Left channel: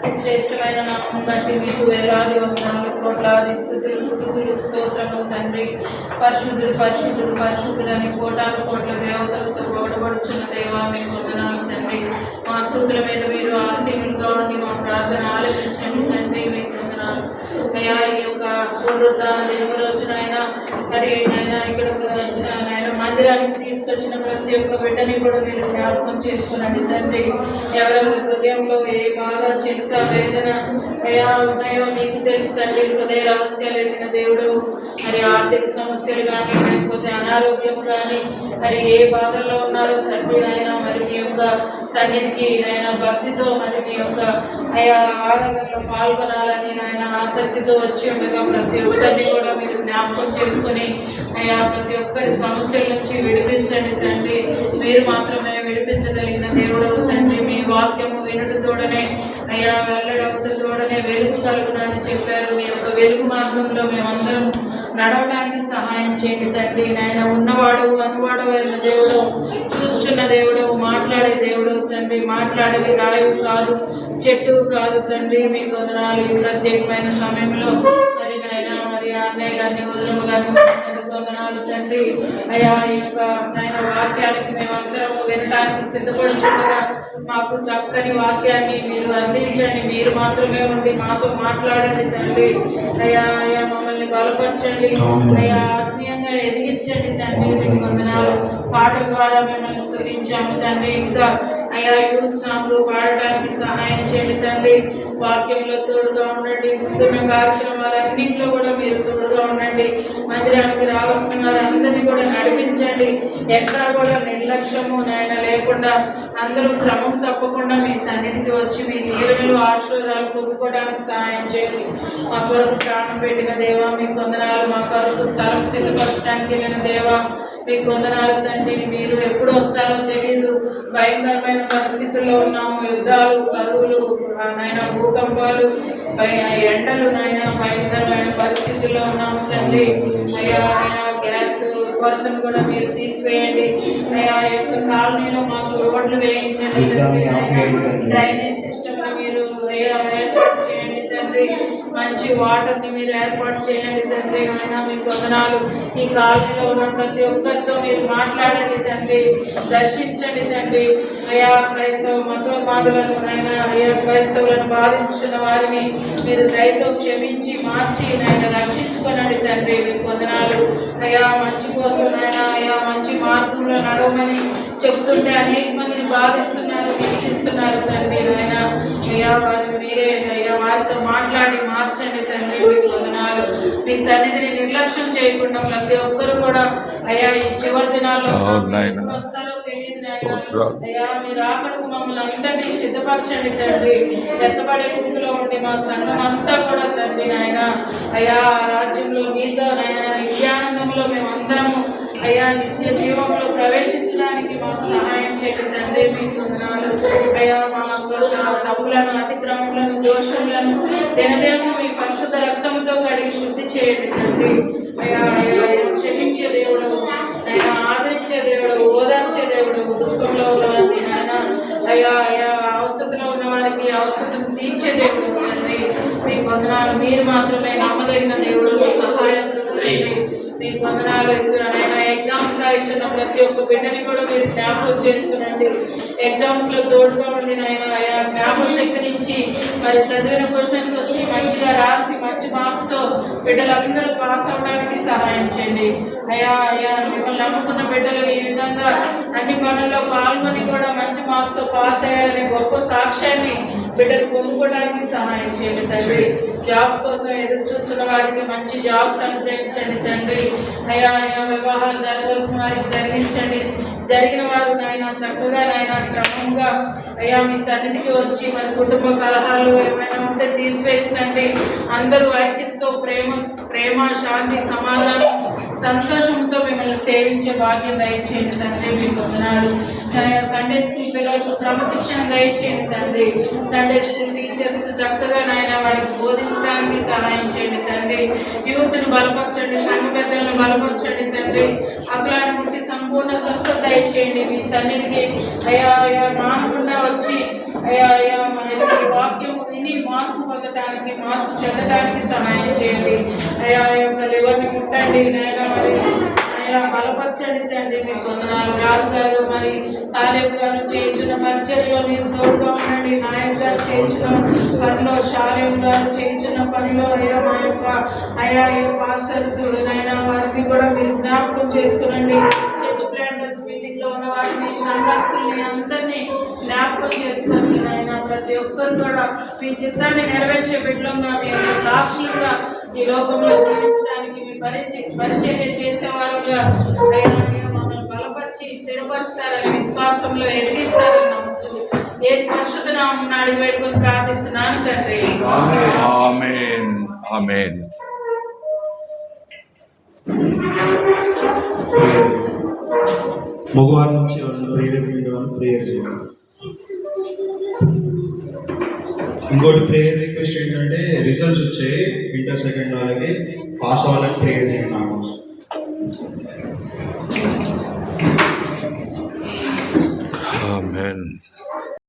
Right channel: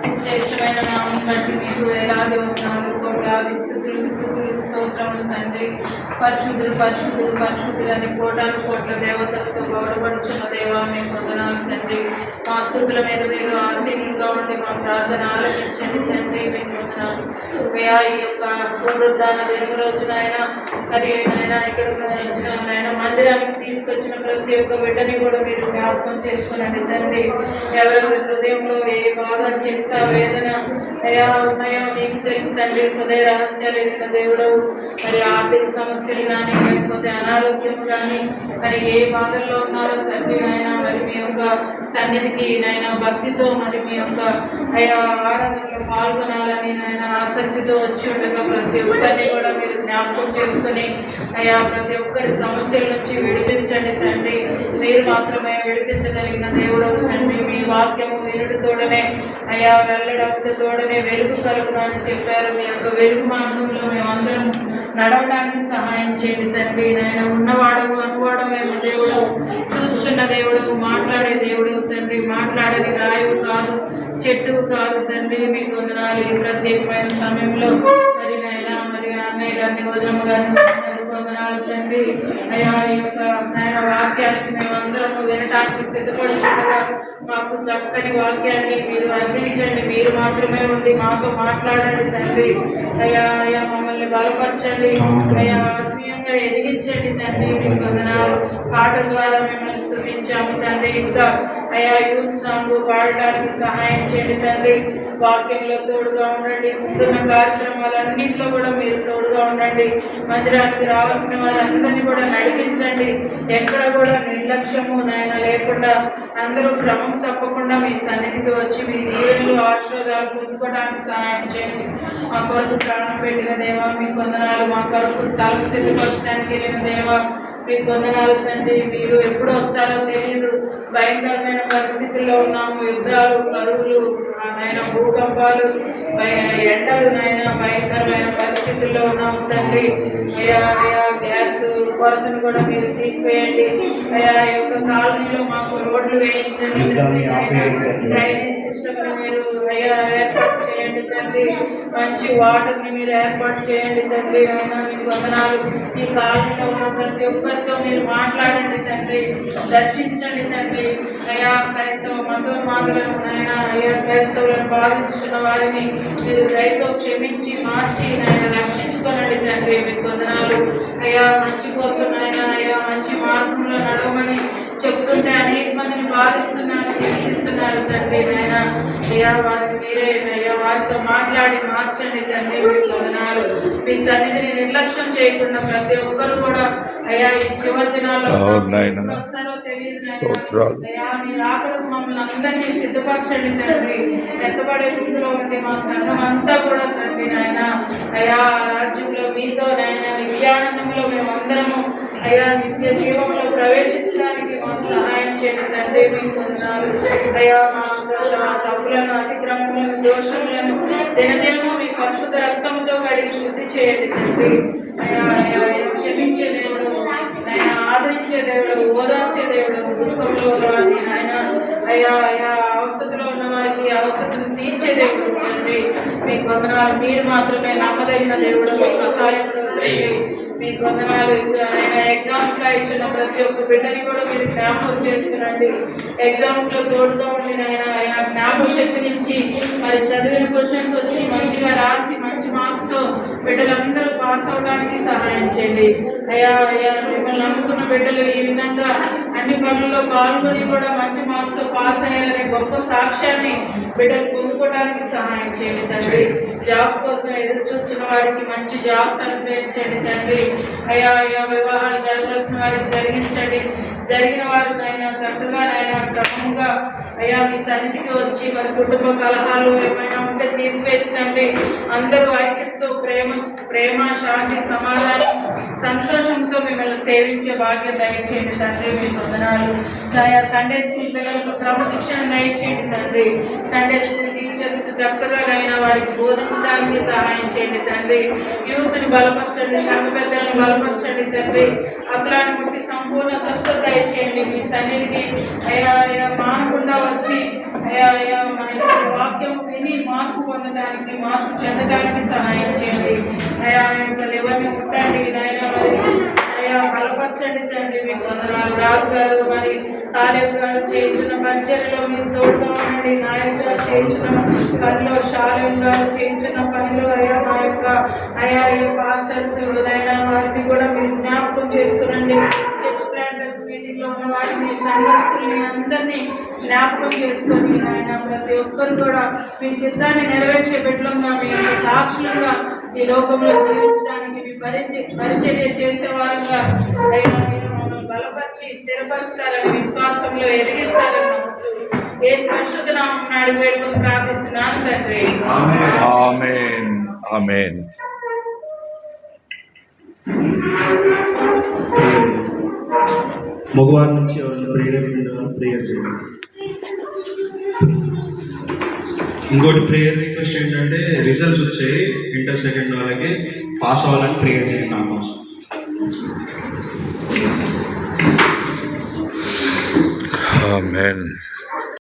అతి శ్రేష్టమైన నామం బట్టి మీకు వేలాది వందనాలు, కోట్లాది స్తుతులు స్తుతులు స్తోత్రములు తండ్రి. పరిశుద్ధులు పరిశుద్ధులు పరిశుద్ధులు అని కోటాను కోట్ల దేవతలతో గౌరవపడుచున్న దేవా మీకు వందనాలు తండ్రి. మా స్తుతుల మీద మీరు ఆశీనులుగా ఉండి మా ప్రార్థన ఆలకించండి తండ్రి. మీకు వందనాలు అయ్యా. ఈ యొక్క పునరుద్ధాన దినము రోజున ఆయన మరి నాయన ఇక్కడ నాయన మందిరానికి తీసుకొచ్చిన ప్రతి ఒక్క బిడ్డని కూడా మీరు జ్ఞాపకం చేసుకునండి తండ్రి. ఎవరెవరి హృదయంలో ఏ బాధ, చింత, వేదన అయ్యా ఉన్నాయో మీకు తెలుస్తండి. హృదయ రహస్యాలు ఎరిగిన దేవుడు. మరి ఆర్థిక సమస్యలు కానీ లేకపోతే అనారోగ్యం కానీ మరి ఏ బాధల్లో ఉన్నారో తండ్రి నాయన మరి మీ యొక్క సన్నిధికి నాయన భక్తితో మరి మీ యొక్క అయ్యా ఆరాధనలో పాల్గొనాలని నాయన ఆసక్తితో వచ్చి ఉండగా ప్రతి ఒక్కరిని కూడా మీరు జ్ఞాపకం చేసుకుని అయ్యా ప్రతి ఒక్కరి సమస్యల నుంచి విడిపించండి తండ్రి. మీరు మాత్రమే విడిపించగలిగిన దేవుడు తండ్రి. మీ వాక్యము వినుడితోడనే అయ్యా వెల్లడవుతోడనే వెలుగు కలుగునని చెప్పారు. మీ యొక్క వెలుగు మార్గంలో మేమందరం నడవడానికి సహాయం చేయండి తండ్రి. నాయన ఉన్నవాడు అనువాడమైన దేవుడు, చూస్తున్న దేవుడు, మాట్లాడే దేవుడు తండ్రి. మాట్లాడేది రాయువు కాదు, చెట్టు కాదు తండ్రి. మీకు వందనాలు. ఈ ప్రత్యేకమైన సమయంలో మరి నాయన మరి అన్నయ్య గారిని వదలమ్మ గారిని వందనాలు తండ్రి. అయ్యా ఈ యొక్క నాయన వాక్యాన్ని మేమందరం వినడానికి సిద్ధపడుచుండగా మాకు చక్కని వాక్యాన్ని మీరు అందించండి. మీరు మాత్రమే ఉండి మాతో మాట్లాడండి తండ్రి. అయ్యా అయ్యా మమ్మల్ని బలపరచండి. అయ్యా ఆత్మీయంగా ఎదిగించండి తండ్రి. మీకు వందనాలు. పాటల ద్వారా మిమ్మల్ని స్తుతించాము తండ్రి. ఇంకా అయ్యా యూత్ సాంగ్ పాడటానికి సహాయం చేయండి తండ్రి. వాక్యంలో తోడుగా ఉండండి. ముందున్న కార్యక్రమాలన్నింటిలో కూడా మీరు తోడుగా ఉండండి. మందిరానికి రావాల్సిన వారందరినీ కూడా నడిపించండి. ఎక్కడ కూడా నిర్లక్ష్యము నాయన లేకుండా అందరూ క్రమం తప్పకుండా మీ సన్నిధికి వచ్చి మీ దీవెనలు ఆశీర్వాదాలు పొందుకోవడానికి సహాయం చేయండి. మా కొరకు ప్రాణం పెట్టిన దేవా మీకు వందనాలు. మా కొరకు స్థలం సిద్ధపరచడానికి వెళ్ళిన దేవా మీకు వందనాలు తండ్రి. మీరు ఎప్పుడు వస్తారో తెలియదు. భయంకరమైన పరిస్థితుల్లో ఉన్నాము. యుద్ధాలు, కరువులు నాయన, భూకంపాలు, ఎండలు నాయన భయంకరమైన పరిస్థితుల్లో ఉన్నాము తండ్రి. అయ్యా అయ్యా గ్యాస్ కొరతను కూడా మీరు తీసివేయండి. అయ్యా యొక్క కాలనీలో మాకు రోడ్లు వేయించండి. డ్రైనేజ్ సిస్టమ్ని మీరు అయ్యా ఏర్పాటు చేయండి తండ్రి. మంచి వాటర్ని మీరు ఏర్పాటు చేయండి తండ్రి. అయినా మీకు వందనాలు. ఈ కాలంలో ఉన్న ప్రతి ఒక్కరితో మీరు మాట్లాడండి తండ్రి. దర్శించండి తండ్రి. అయ్యా క్రైస్తవ మతోన్మాదులను అయినా అయ్యా క్రైస్తవులను బాధించిన వారిని మీరు దయతో క్షమించి మార్చి ఆయన రక్షించుకోనండి తండ్రి. మీకు వందనాలు. అయ్యా మంచి కోసం అయినా అయ్యా మంచి మార్గంలో నడవమని చెప్తుంటే అనేక మందిని బాధిస్తున్నారు, హింసిస్తున్నారు తండ్రి. ఆయన అయ్యా వారిని మీరే అయ్యా వారితో మాట్లాడి మార్చండి తండ్రి. మీకు వందనాలు. మీ సన్నిధిని నిర్లక్ష్యం చేయకుండా ప్రతి ఒక్కరు కూడా అయ్యా ఈ చివరి దినాల్లో వస్తారో తెలియదు అయ్యా. మీరు ఆకడకు మమ్మల్ని అందరినీ సిద్ధపరచండి తండ్రి. ఎత్తబడే గుంపులో ఉండి మా సంఘం అంతా కూడా తండ్రి నాయన అయ్యా రాజ్యంలో మీతో నాయన నిత్యానందంలో మేమందరము అయ్యా నిత్య జీవంలో ప్రవేశించడానికి మాకు సహాయం చేయండి తండ్రి. మీకు వందనాలు. అయ్యా మా తప్పులను, అతిక్రమములను, దోషములను దినదినము మీ పరిశుద్ధ రక్తముతో కడిగి శుద్ధి చేయండి తండ్రి. అయ్యా అయ్యా క్షమించే దేవుడు, ఆయన ఆదరించే దేవుడు, ఓదార్చే దేవుడు, దుఃఖంలో వారికి ఆయన అయ్యా అయ్యా అవసరంలో ఉన్న వారికి అవసరం తీర్చే దేవుడు తండ్రి. మీకు వందనాలు. మీరు మాత్రమే నమ్మదగిన దేవుడు, సహాయం తండ్రి. మీకు వందనాలు. ఎగ్జామ్స్ రాయించిన ప్రతి ఒక్క బిడ్డని కూడా మీరు జ్ఞాపకం చేసుకునండి. ఎగ్జామ్స్ లో తోడుగా ఉండి ఆయన అయ్యా జ్ఞాపక శక్తి నుంచి మరి చదివిన క్వశ్చన్స్ వచ్చి మంచిగా రాసి మంచి మార్క్స్ తో బిడ్డలందరూ పాస్ అవడానికి సహాయం చేయండి. అయ్యా అయ్యా మిమ్మల్ని నమ్ముకున్న బిడ్డలు ఈ విధంగా అన్ని పనుల్లో పాల్గొని కూడా మంచి మార్క్స్ తో పాస్ అయ్యారనే గొప్ప సాక్ష్యాన్ని బిడ్డలు పొందుకోవడానికి సహాయం చేయండి తండ్రి. జాబ్ కోసం ఎదురు చూస్తున్న వారికి మంచి జాబ్స్ అనుగ్రహించండి తండ్రి. అయ్యా అయ్యా వివాహాలు జరగాల్సిన వారికి జరిగించండి. జరిగిన వారు నాయన చక్కగా నాయన క్రమంగా అయ్యా మీ సన్నిధికి వచ్చి మన కుటుంబ కలహాలు ఏమైనా ఉంటే తీసివేస్తండి. అందరూ ఐక్యతతో ప్రేమ శాంతి సమాధానం సంతోషంతో మిమ్మల్ని సేవించే భాగ్యం దయచేయండి తండ్రి. మీకు వందనాలు. సండే స్కూల్ పిల్లలకు క్రమశిక్షణ దయచేయండి తండ్రి. సండే స్కూల్ టీచర్స్ చక్కగా నాయన వారికి బోధించడానికి సహాయం చేయండి తండ్రి. యూత్ని బలపరచండి, సంఘ పెద్దల్ని బలపరచండి తండ్రి. అఖిలాన్ని ముట్టి సంపూర్ణ స్వస్థత దయచేయండి. మీ సన్నిధికి అయ్యా అయ్యా మానకుండా వచ్చి అయ్యా అయ్యా మన వాక్యము విని మార్పు పొందడానికి, మార్పు చెందడానికి సహాయం చేయండి అయ్యా. ఎవరిని ముట్టండి నైనా, మరి అయ్యా బలపరచండి తండ్రి. మీకు వందనాలు. రాజు గారు మరి తాలేబు గారు చేయించిన పరిచయలో మీరు తోడుగా ఉండండి. నాయక్ గారు చేయించిన పనిలో, షాలేం గారు చేయించిన పనిలో అయ్యా మా యొక్క అయ్యా ఈ పాస్టర్స్ నైనా వారిని కూడా మీరు జ్ఞాపకం చేసుకునండి. చర్చ్ ప్లాంటర్స్ మీటింగ్లో ఉన్న వారిని, సంఘస్థుల్ని అందరినీ జ్ఞాపకం చేసుకొని ఆయన ప్రతి ఒక్కరు కూడా మీ చిత్తాన్ని నెరవేర్చే బిడ్డలుగా, మీ యొక్క సాక్షులుగా ఈ లోకంలో జీవించడానికి మీ పరిచర్య చేసేవారుగా అయినా మమ్మల్ని బలపరిచి స్థిరపరుస్తారని, విశ్వాసంలో ఎదిగిస్తారని నమ్ముతూ ఏ పరిశుద్ధ నామమున అడిగి పెట్టుకుని ప్రార్థిస్తున్నాను తండ్రి. ఆమేన్. ఆమేన్. మగవారి నుంచి ఎవరైనా ప్రేయర్ వింటామని ప్రేయర్ చేయండి. ఇంకోటి ప్రేయర్ రిక్వెస్ట్ ఏంటంటే రిజల్ట్స్ వచ్చాయి ఇంటర్ సెకండ్ వాళ్ళకి, పాస్ అవ్వాలని ప్రేయర్ చేయండి నా కోసం. ఆమేన్.